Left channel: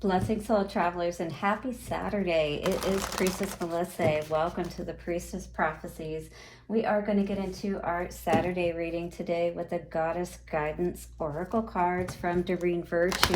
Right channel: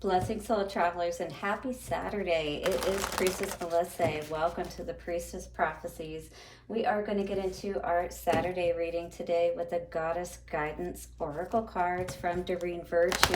Blessings, soul travelers, and happy Saturday. It is Priestess Melissae. Welcome to the Priestess Prophecies. We are going to get into our Saturday reading today with the Goddess Guidance Oracle cards from Doreen Virtue.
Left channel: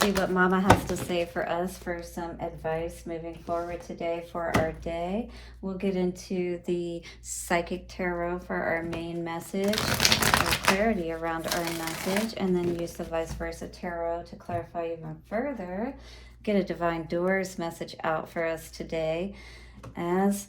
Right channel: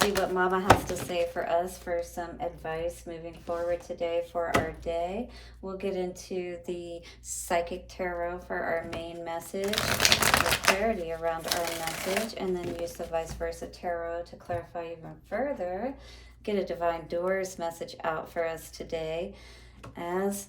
See what Mama has to say for us for some advice moving forward today for our day. We'll get into the Psychic Tarot for our main message, clarity around our message, and then use the Vice Versa Tarot to clarify even further. Get a Divine Doors message out for us today as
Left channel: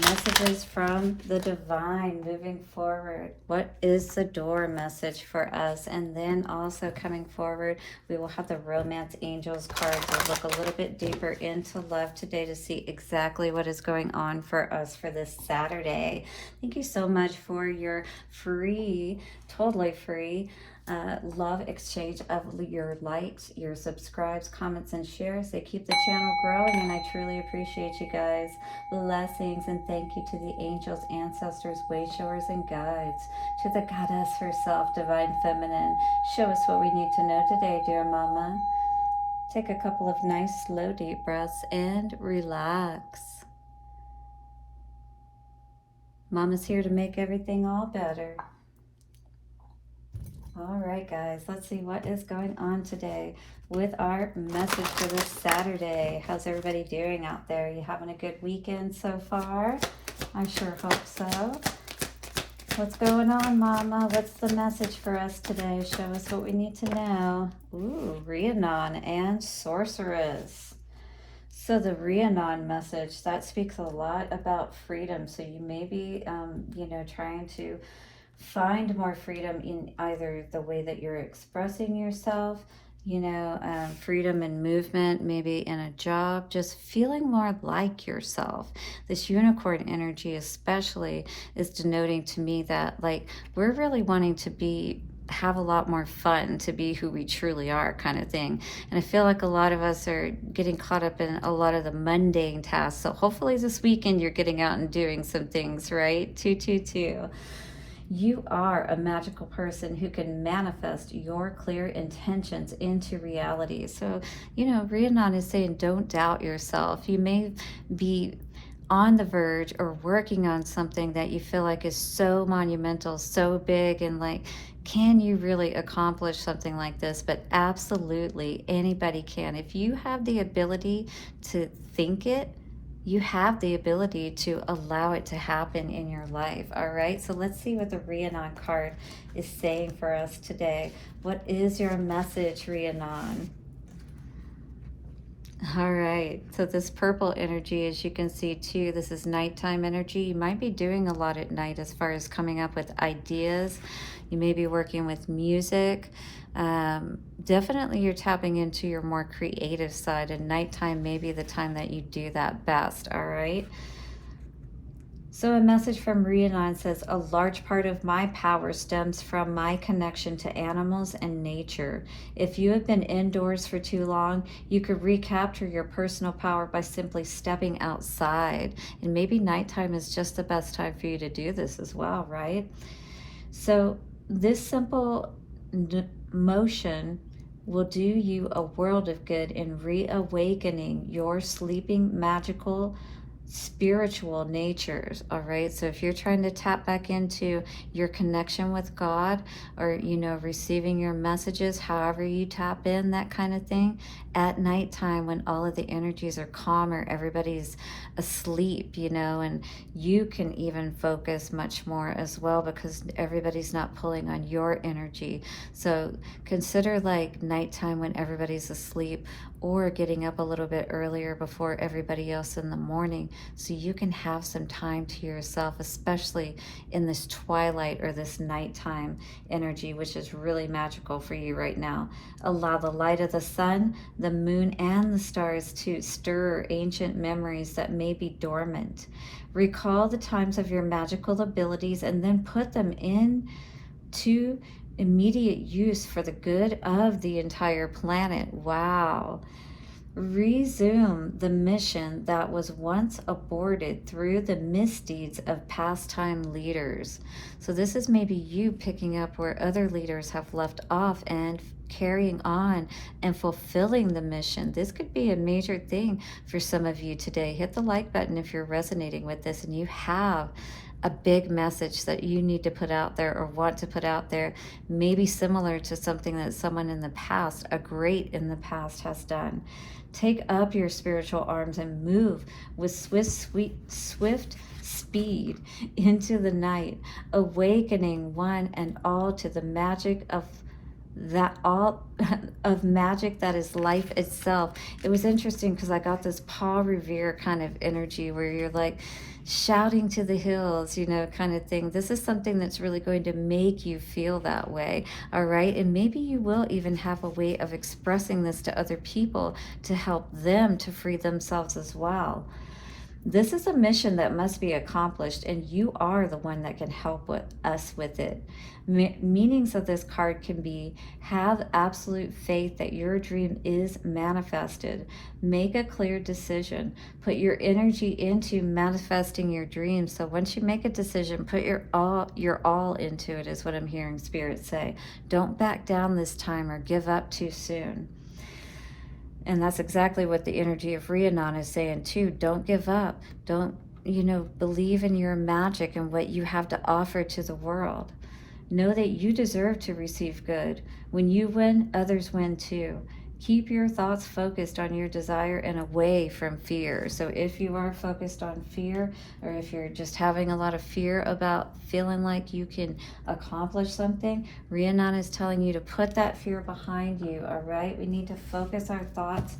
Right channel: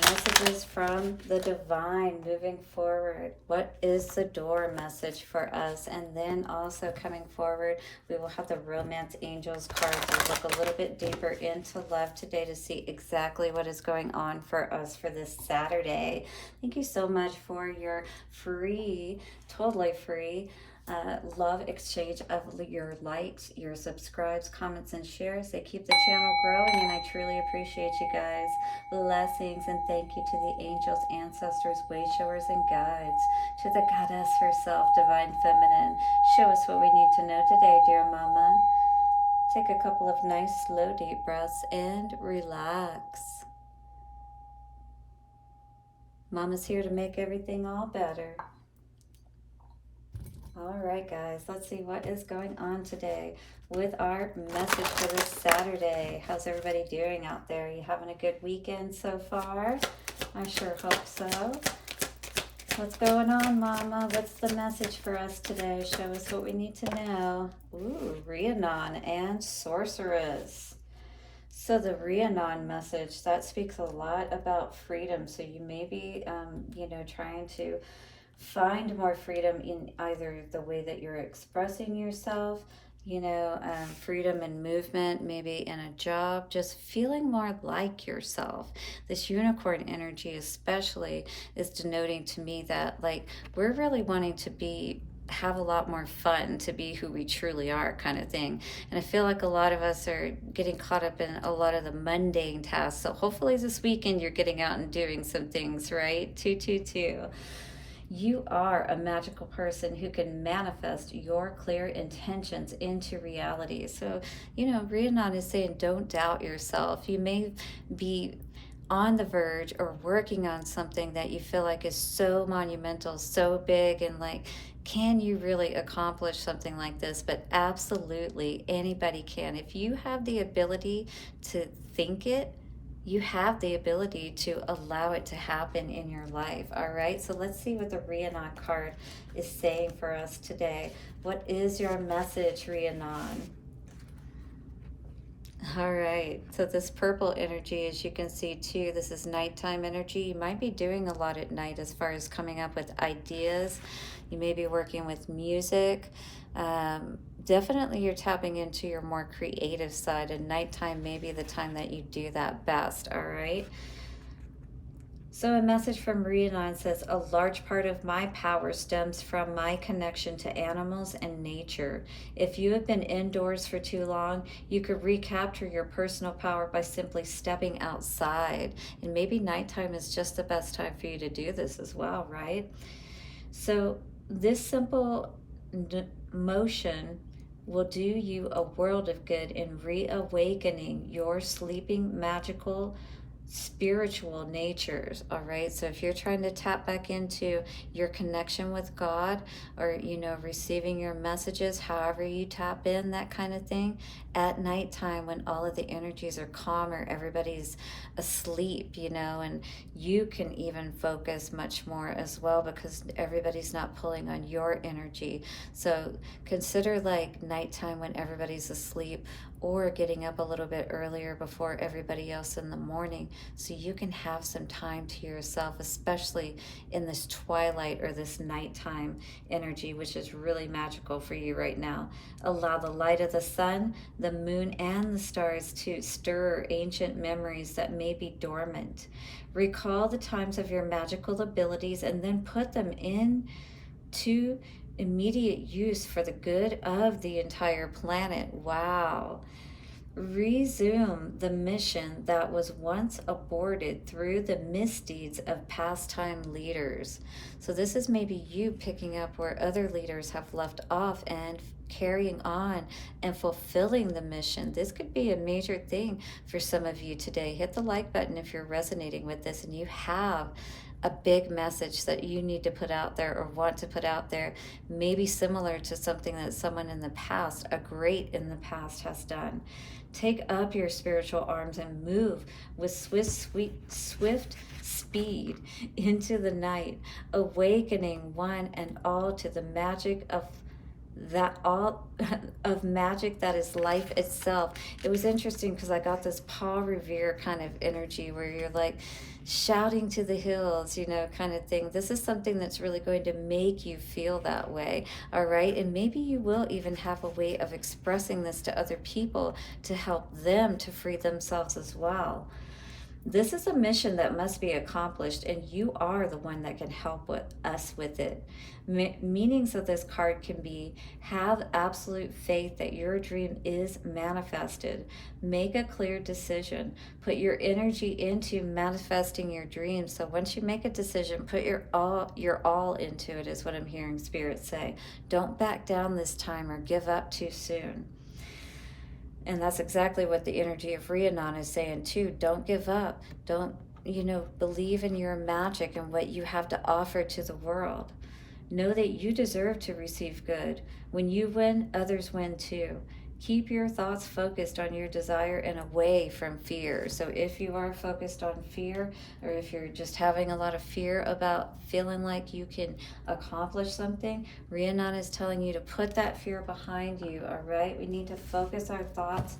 messages from the divine moving forward. What is the door message for us? And then also coming forward, we will have the Romance Angels card to look a little bit deeper into love today to see exactly what is going on for us for this Saturday. Thank you so much for your free, totally free love exchange of your likes, your subscribes, comments, and shares. They keep the channel growing, and I truly appreciate you guys. Blessings and thank you to the angels, ancestors, way showers, and guides, to the goddess herself, divine feminine. Show us what we need to know today, dear mama. Take a couple of nice slow deep breaths and relax. Mama's here to make everything all better. All right, guys, let's see what is going on today with our message for this Saturday. How's everybody doing out there? You having a good weekend so far? I sure hope so. What's going on, Mama? What's the message for us today? Show us what we need to know. Ooh, Rhiannon and Sorceress. So the Rhiannon message, that speaks a lot about freedom. So you may be, trying to find more freedom in either the way that you're expressing yourself, freedom in movement, maybe in a job, just feeling more like yourself. This unicorn energy especially is denoting to me that we're really wanting to have a lot more fun, to be who we truly are, kind of thing. And I feel like a lot of us are getting caught up in a lot of the mundane tasks. So hopefully this weekend you're getting out and doing some things, right? 222. You are a magical person who can manifest your clear intentions into reality. So, Rhiannon is saying don't doubt yourself. You may be on the verge or working on something that you feel like is so monumental, so big, and can you really accomplish something like this? But absolutely anybody can. If you have the ability to think it, you have the ability to allow it to happen in your life. All right, so let's see what the Rhiannon card is saying for us today. What is your message, Rhiannon? All right, so this purple energy, as you can see too, this is nighttime energy. You might be doing a lot at night as far as coming up with ideas. You may be working with music. Definitely you're tapping into your more creative side, and nighttime may be the time that you do that best. All right. So a message from Rhiannon says, a large part of my power stems from my connection to animals and nature. If you have been indoors for too long, you could recapture your personal power by simply stepping outside. And maybe nighttime is just the best time for you to do this as well, right? So this simple motion will do you a world of good in reawakening your sleeping magical spiritual natures. All right, so if you're trying to tap back into your connection with God, or receiving your messages, however you tap in, that kind of thing, at nighttime when all of the energies are calmer, everybody's asleep, and you can even focus much more as well because everybody's not pulling on your energy. So consider nighttime when everybody's asleep, or getting up a little bit earlier before everybody else in the morning, so you can have some time to yourself, especially in this twilight or this nighttime energy, which is really magical for you right now. Allow the light of the sun, the moon, and the stars to stir ancient memories that may be dormant. Recall the times of your magical abilities and then put them into immediate use for the good of the entire planet. Wow. resume the mission that was once aborted through the misdeeds of past time leaders. So this is maybe you picking up where other leaders have left off and carrying on and fulfilling the mission. This could be a major thing for some of you today. Hit the like button if you're resonating with this and you have a big message that you need to put out there or want to put out there, maybe similar to something that someone in the past, a great in the past, has done. Take up your spiritual arms and move with swift speed into the night, awakening one and all to the magic of that all of magic that is life itself. It was interesting because I got this Paul Revere kind of energy where you're like shouting to the hills, you know, kind of thing. This is something that's really going to make you feel that way, all right? And maybe you will even have a way of expressing this to other people to help them to free themselves as well. This is a mission that must be accomplished, and you are the one that can help us with it. Meanings of this card can be: have absolute faith that your dream is manifested. Make a clear decision. Put your energy into manifesting your dreams. So once you make a decision, put your all into it, is what I'm hearing Spirit say. Don't back down this time or give up too soon. And that's exactly what the energy of Rhiannon is saying too. Don't give up. Don't, believe in your magic and what you have to offer to the world. Know that you deserve to receive good. When you win, others win too. Keep your thoughts focused on your desire and away from fear. So if you are focused on fear, or if you're just having a lot of fear about feeling like you can accomplish something, Rhiannon is telling you to put that fear behind you, all right? We need to focus our thoughts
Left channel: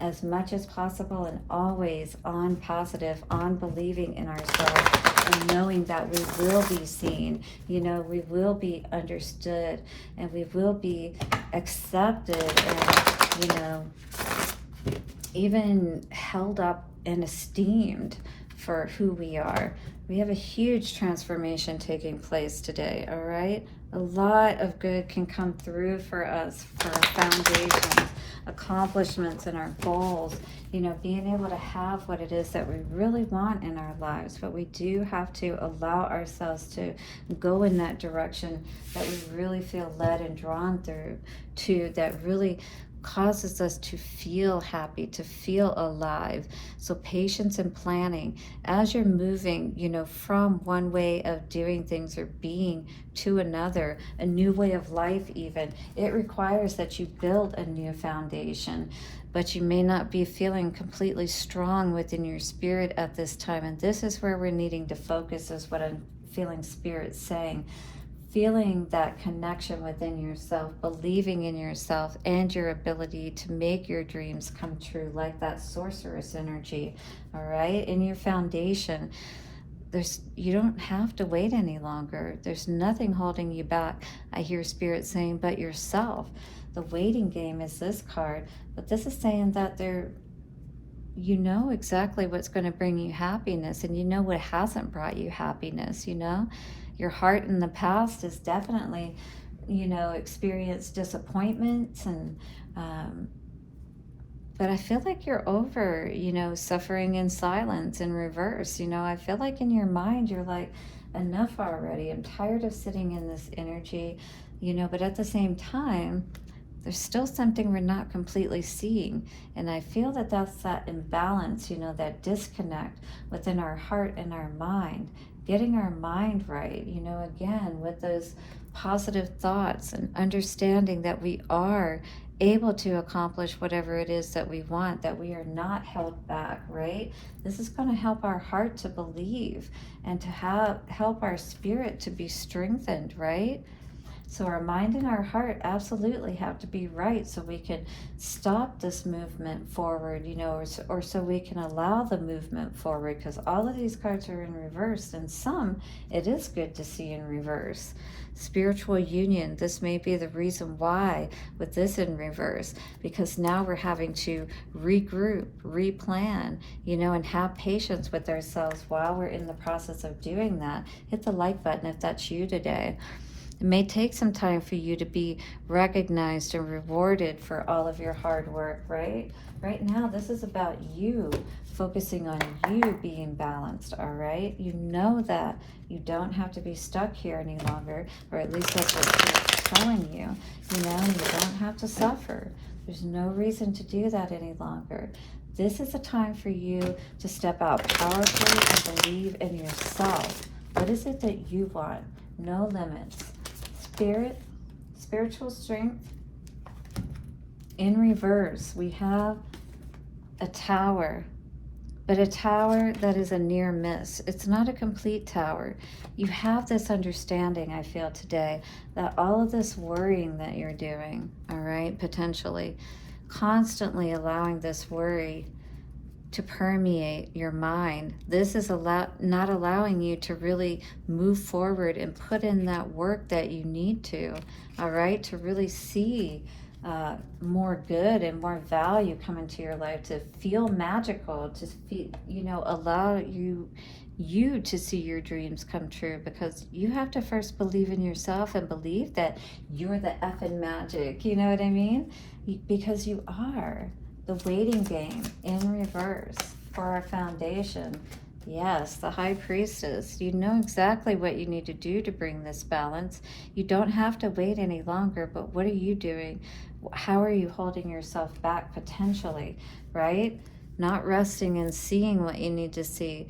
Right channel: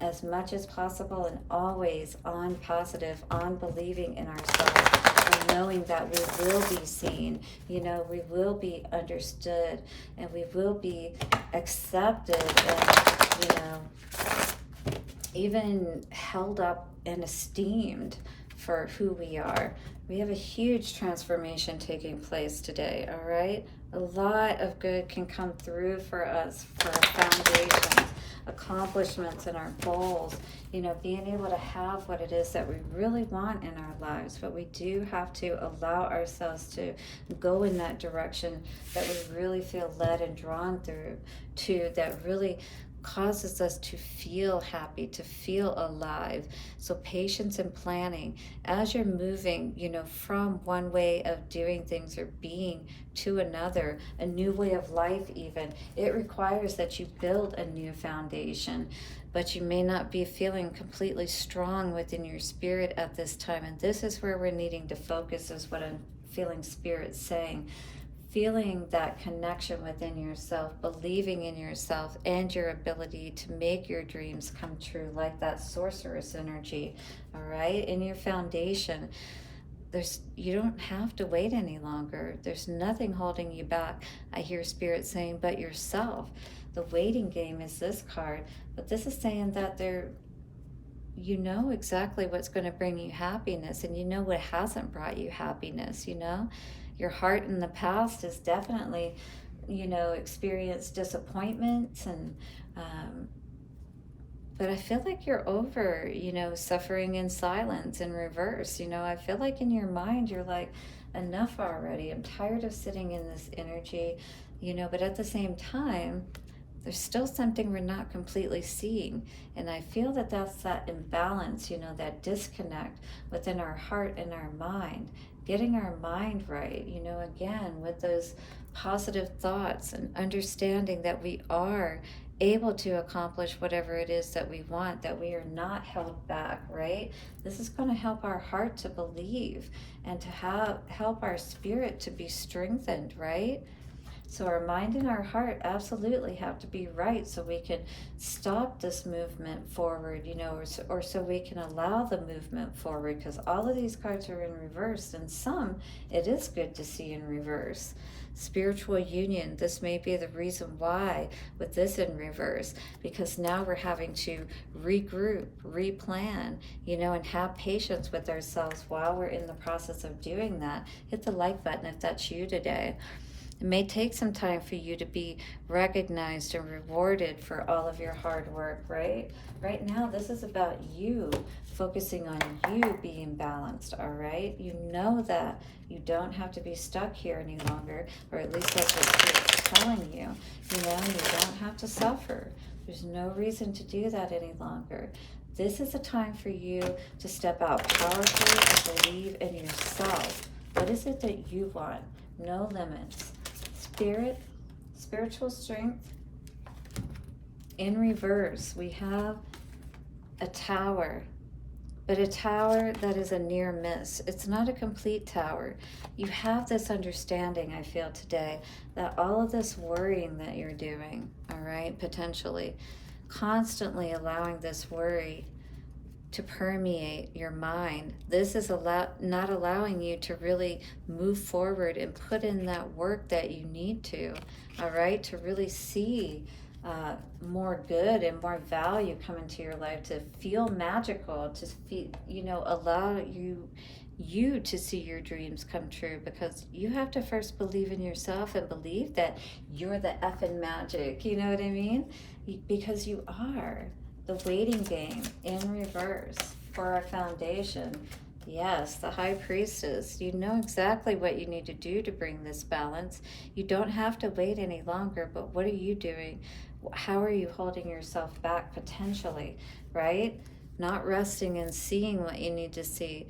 as much as possible and always on positive, on believing in ourselves, and knowing that we will be seen, we will be understood, and we will be accepted, and even held up and esteemed for who we are. We have a huge transformation taking place today, all right? A lot of good can come through for us, for our foundations, accomplishments, and our goals, being able to have what it is that we really want in our lives. But we do have to allow ourselves to go in that direction that we really feel led and drawn through to, that really causes us to feel happy, to feel alive. So patience and planning as you're moving, from one way of doing things or being to another, a new way of life even. It requires that you build a new foundation, but you may not be feeling completely strong within your spirit at this time. And this is where we're needing to focus, is what I'm feeling Spirit saying. Feeling that connection within yourself, believing in yourself and your ability to make your dreams come true, like that sorceress energy, all right? In your foundation, you don't have to wait any longer. There's nothing holding you back, I hear Spirit saying, but yourself. The waiting game is this card, but this is saying that you know exactly what's going to bring you happiness, and you know what hasn't brought you happiness. Your heart in the past has definitely, experienced disappointments, and but I feel like you're over, suffering in silence in reverse. I feel like in your mind you're like, enough already. I'm tired of sitting in this energy, but at the same time, there's still something we're not completely seeing. And I feel that that's that imbalance, that disconnect within our heart and our mind. Getting our mind right, again, with those positive thoughts and understanding that we are able to accomplish whatever it is that we want, that we are not held back, right? This is going to help our heart to believe and to help our spirit to be strengthened, right? So our mind and our heart absolutely have to be right, so we can stop this movement forward, or so we can allow the movement forward, because all of these cards are in reverse, and some it is good to see in reverse. Spiritual union, this may be the reason why with this in reverse, because now we're having to regroup, replan, and have patience with ourselves while we're in the process of doing that. Hit the like button if that's you today. It may take some time for you to be recognized and rewarded for all of your hard work, right? Right now, this is about you, focusing on you being balanced, all right? You know that you don't have to be stuck here any longer, or at least that's what it's telling you. You know, you don't have to suffer. There's no reason to do that any longer. This is a time for you to step out powerfully and believe in yourself. What is it that you want? No limits. Spiritual strength. In reverse, we have a tower, but a tower that is a near miss. It's not a complete tower. You have this understanding, I feel today, that all of this worrying that you're doing, all right, potentially, constantly allowing this worry to permeate your mind, this is not allowing you to really move forward and put in that work that you need to, all right, to really see more good and more value come into your life, to feel magical, to feel, you know, allow you to see your dreams come true, because you have to first believe in yourself and believe that you're the effing magic, you know what I mean? Because you are. The waiting game in reverse for our foundation. Yes, the High Priestess. You know exactly what you need to do to bring this balance. You don't have to wait any longer, but what are you doing? How are you holding yourself back potentially, right? Not resting and seeing what you need to see.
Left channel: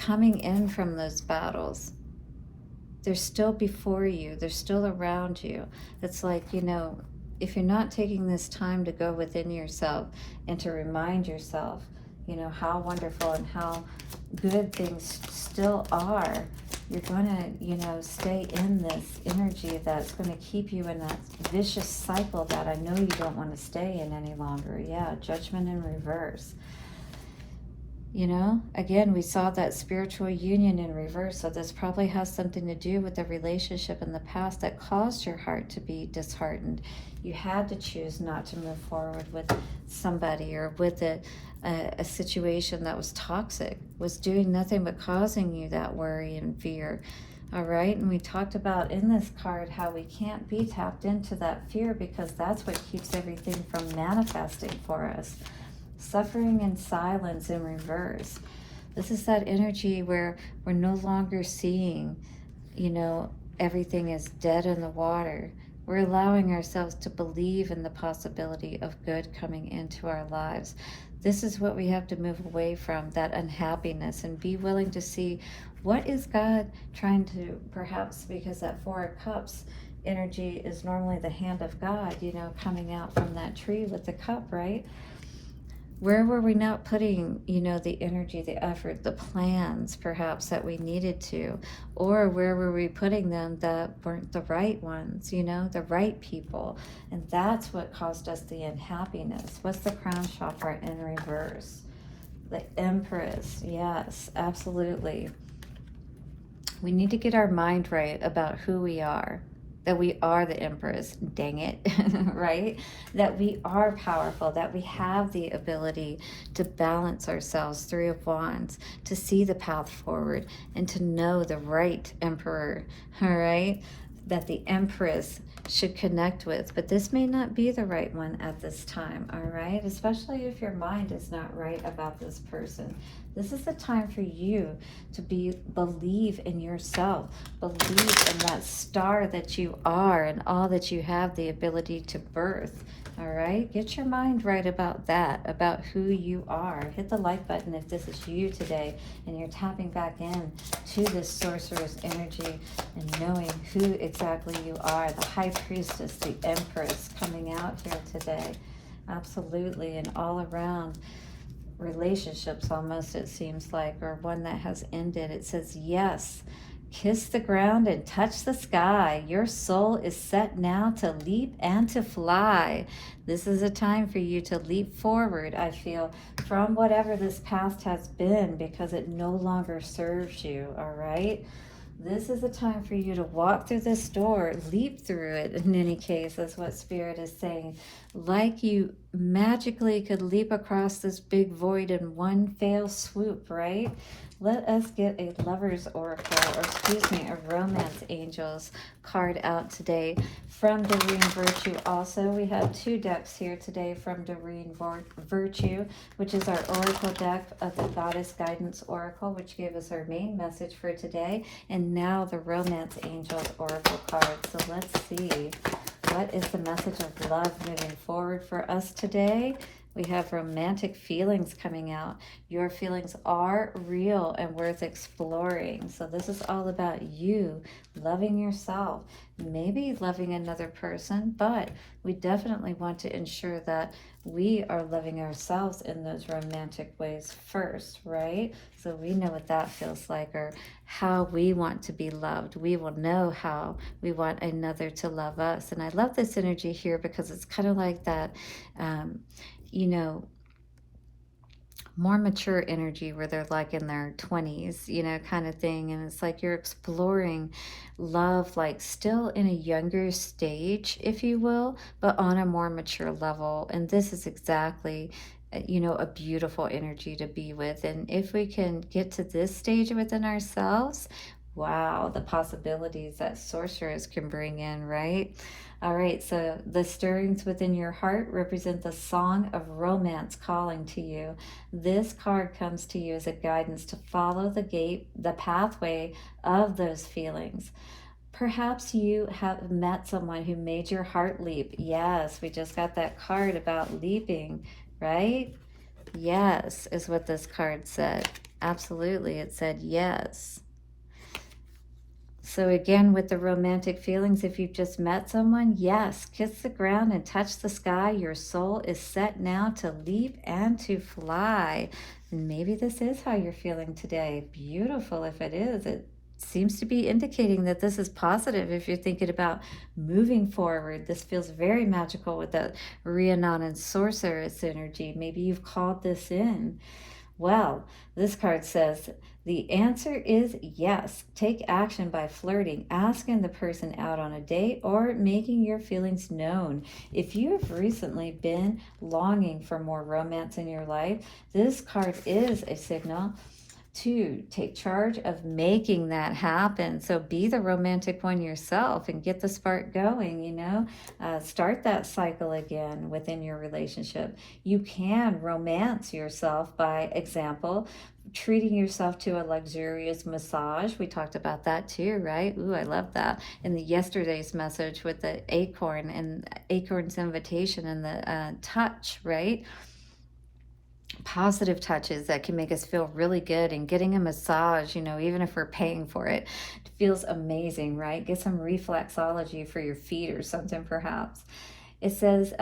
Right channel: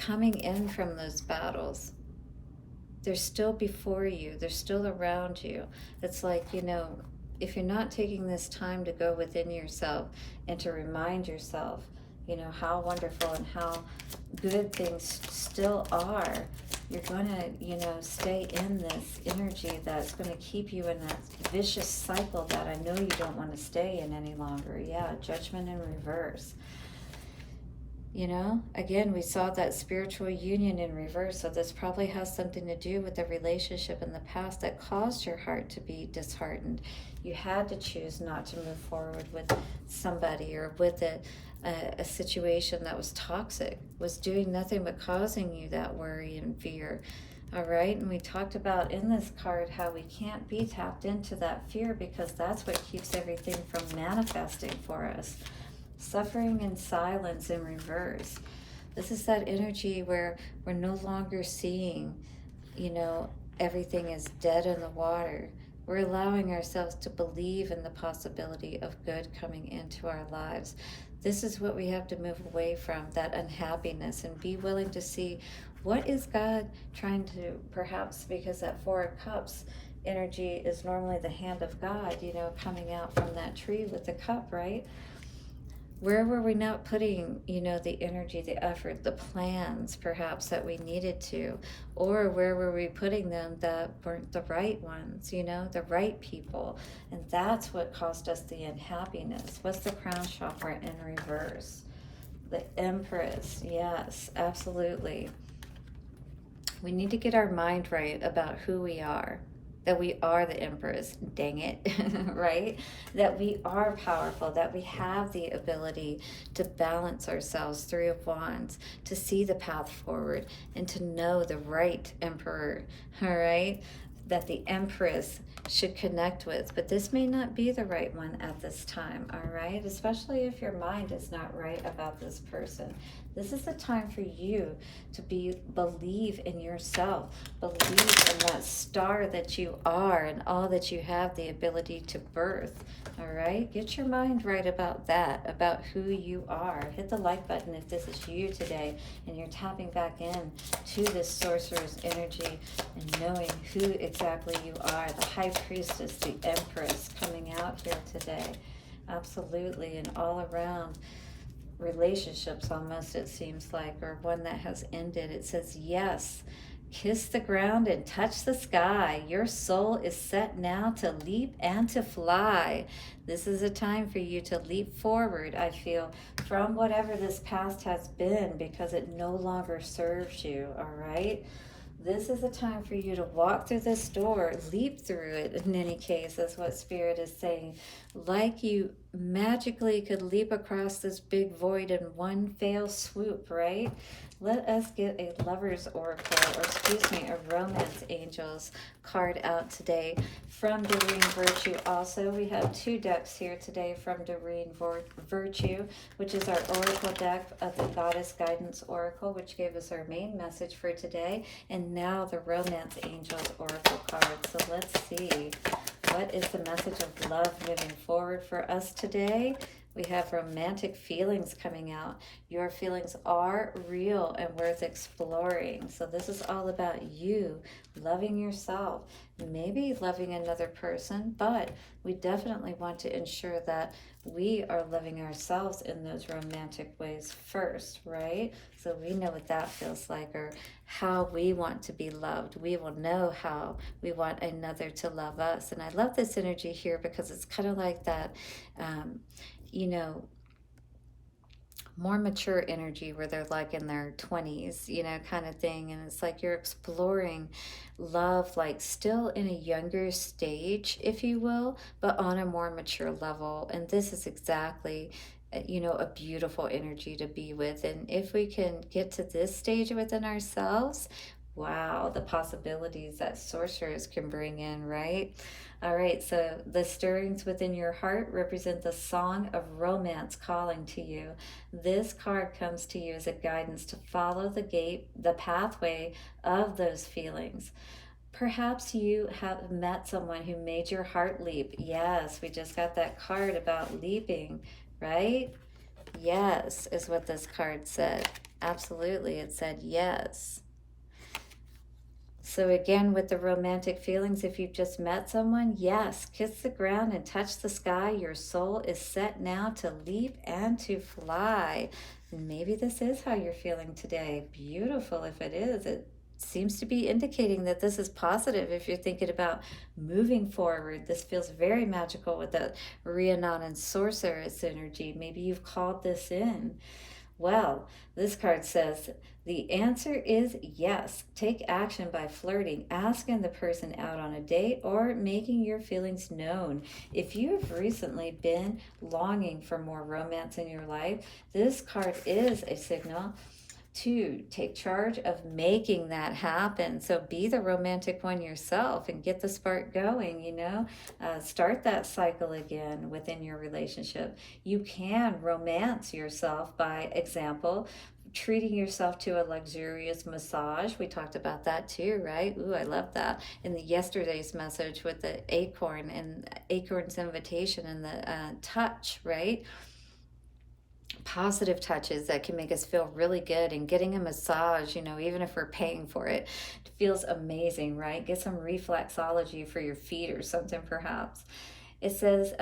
Coming in from those battles. They're still before you. They're still around you. It's like, you know, if you're not taking this time to go within yourself and to remind yourself, you know, how wonderful and how good things still are, you're going to, you know, stay in this energy that's going to keep you in that vicious cycle that I know you don't want to stay in any longer. Yeah, judgment in reverse. You know, again, we saw that spiritual union in reverse, so this probably has something to do with the relationship in the past that caused your heart to be disheartened. You had to choose not to move forward with somebody or with a situation that was toxic, was doing nothing but causing you that worry and fear. All right, and we talked about in this card how we can't be tapped into that fear because that's what keeps everything from manifesting for us. Suffering in silence in reverse. This is that energy where we're no longer seeing, you know, everything is dead in the water. We're allowing ourselves to believe in the possibility of good coming into our lives. This is what we have to move away from, that unhappiness, and be willing to see what is God trying to, perhaps because that Four of Cups energy is normally the hand of God, you know, coming out from that tree with the cup, right? Where were we not putting, you know, the energy, the effort, the plans, perhaps, that we needed to? Or where were we putting them that weren't the right ones, you know, the right people? And that's what caused us the unhappiness. What's the crown chakra in reverse? The Empress. Yes, absolutely. We need to get our mind right about who we are. That we are the Empress, dang it, right? That we are powerful, that we have the ability to balance ourselves, Three of Wands, to see the path forward and to know the right Emperor, all right? That the Empress should connect with, but this may not be the right one at this time, all right? Especially if your mind is not right about this person. This is the time for you to believe in yourself, believe in that star that you are and all that you have the ability to birth, all right? Get your mind right about that, about who you are. Hit the like button if this is you today and you're tapping back in to this sorcerer's energy and knowing who exactly you are, the High Priestess, the Empress coming out here today. Absolutely, and all around relationships almost, it seems like, or one that has ended. It says, yes, kiss the ground and touch the sky. Your soul is set now to leap and to fly. This is a time for you to leap forward, I feel, from whatever this past has been, because it no longer serves you, all right? This is a time for you to walk through this door, leap through it, in any case. That's what Spirit is saying. Like you magically could leap across this big void in one fell swoop, right? Let us get a lover's oracle, or excuse me, a romance angels card out today from Doreen Virtue. Also, we have two decks here today from Doreen Virtue, which is our oracle deck of the Goddess Guidance Oracle, which gave us our main message for today, and now the Romance Angels Oracle card. So let's see. What is the message of love moving forward for us today? We have romantic feelings coming out. Your feelings are real and worth exploring. So this is all about you loving yourself, maybe loving another person, but we definitely want to ensure that we are loving ourselves in those romantic ways first, right? So we know what that feels like, or how we want to be loved. We will know how we want another to love us. And I love this energy here because it's kind of like that, you know, more mature energy where they're like in their 20s, you know, kind of thing. And it's like you're exploring love, like still in a younger stage, if you will, but on a more mature level. And this is exactly, you know, a beautiful energy to be with. And if we can get to this stage within ourselves, wow, the possibilities that sorcerers can bring in, right? All right, so the stirrings within your heart represent the song of romance calling to you. This card comes to you as a guidance to follow the pathway of those feelings. Perhaps you have met someone who made your heart leap. Yes, we just got that card about leaping, right? Yes, is what this card said. Absolutely, it said yes. So again, with the romantic feelings, if you've just met someone, yes, kiss the ground and touch the sky. Your soul is set now to leap and to fly. Maybe this is how you're feeling today. Beautiful if it is. It seems to be indicating that this is positive if you're thinking about moving forward. This feels very magical with that Rhiannon Sorceress energy. Maybe you've called this in. Well, this card says the answer is yes. Take action by flirting, asking the person out on a date, or making your feelings known. If you have recently been longing for more romance in your life, this card is a signal to take charge of making that happen. So be the romantic one yourself and get the spark going, you know. Start that cycle again within your relationship. You can romance yourself, by example, treating yourself to a luxurious massage. We talked about that too, right? Ooh, I love that. In the yesterday's message with the acorn and acorn's invitation and the touch, right? Positive touches that can make us feel really good, and getting a massage, you know, even if we're paying for it, it feels amazing, right? Get some reflexology for your feet or something, perhaps. It says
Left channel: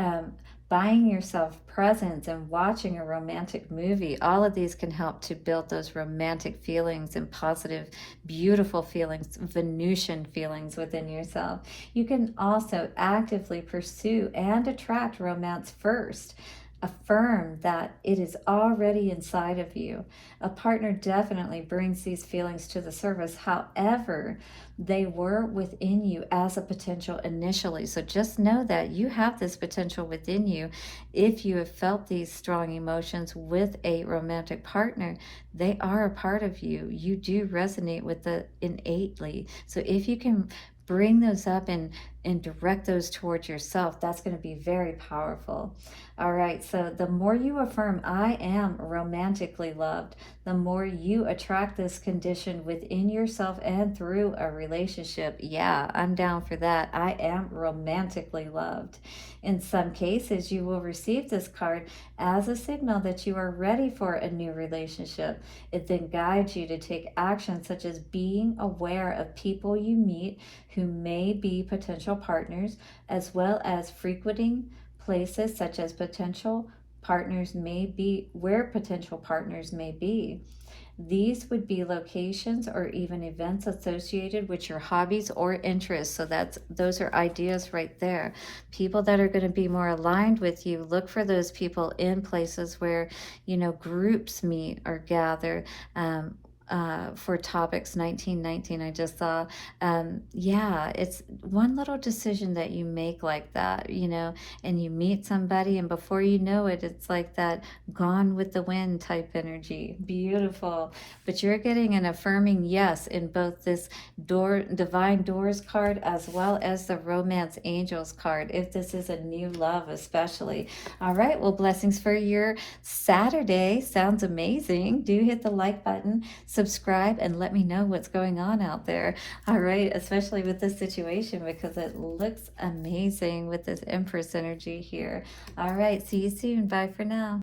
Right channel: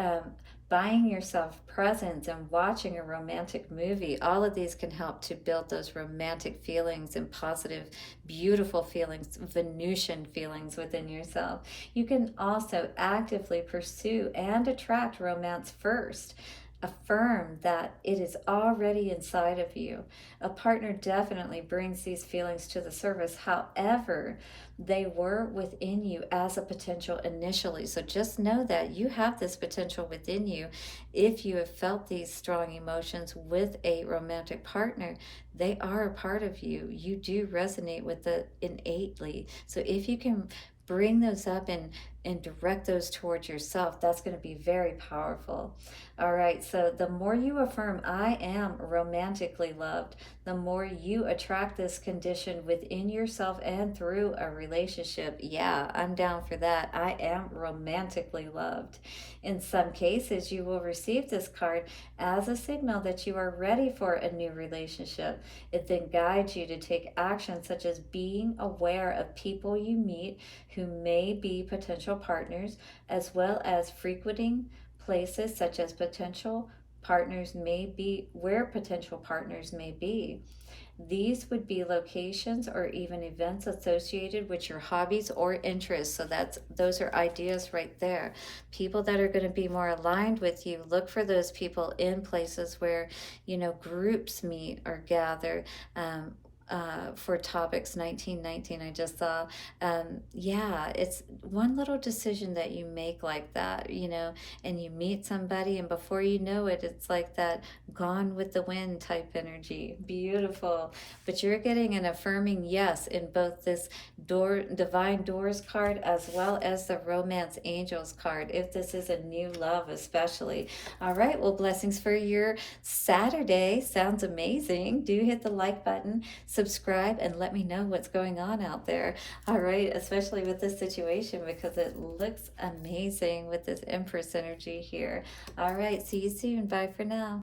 buying yourself presents and watching a romantic movie. All of these can help to build those romantic feelings and positive, beautiful feelings, Venusian feelings within yourself. You can also actively pursue and attract romance first. Affirm that it is already inside of you. A partner definitely brings these feelings to the surface. However, they were within you as a potential initially. So just know that you have this potential within you. If you have felt these strong emotions with a romantic partner, they are a part of you. You do resonate with it innately. So if you can bring those up and direct those towards yourself, that's going to be very powerful. All right, so the more you affirm, I am romantically loved, the more you attract this condition within yourself and through a relationship. Yeah, I'm down for that. I am romantically loved. In some cases, you will receive this card as a signal that you are ready for a new relationship. It then guides you to take action, such as being aware of people you meet who may be potential partners, as well as frequenting places such as potential partners may be, where potential partners may be. These would be locations or even events associated with your hobbies or interests. So those are ideas right there. People that are going to be more aligned with you, look for those people in places where, you know, groups meet or gather. for topics 1919. I just saw, yeah, it's one little decision that you make like that, you know, and you meet somebody, and before you know it, it's like that gone with the wind type energy. Beautiful. But you're getting an affirming yes in both this divine doors card as well as the romance angels card, if this is a new love especially. All right, well, blessings for your Saturday. Sounds amazing. Do hit the like button, subscribe, and let me know what's going on out there. All right, especially with this situation, because it looks amazing with this Empress energy here. All right, see you soon. Bye for now.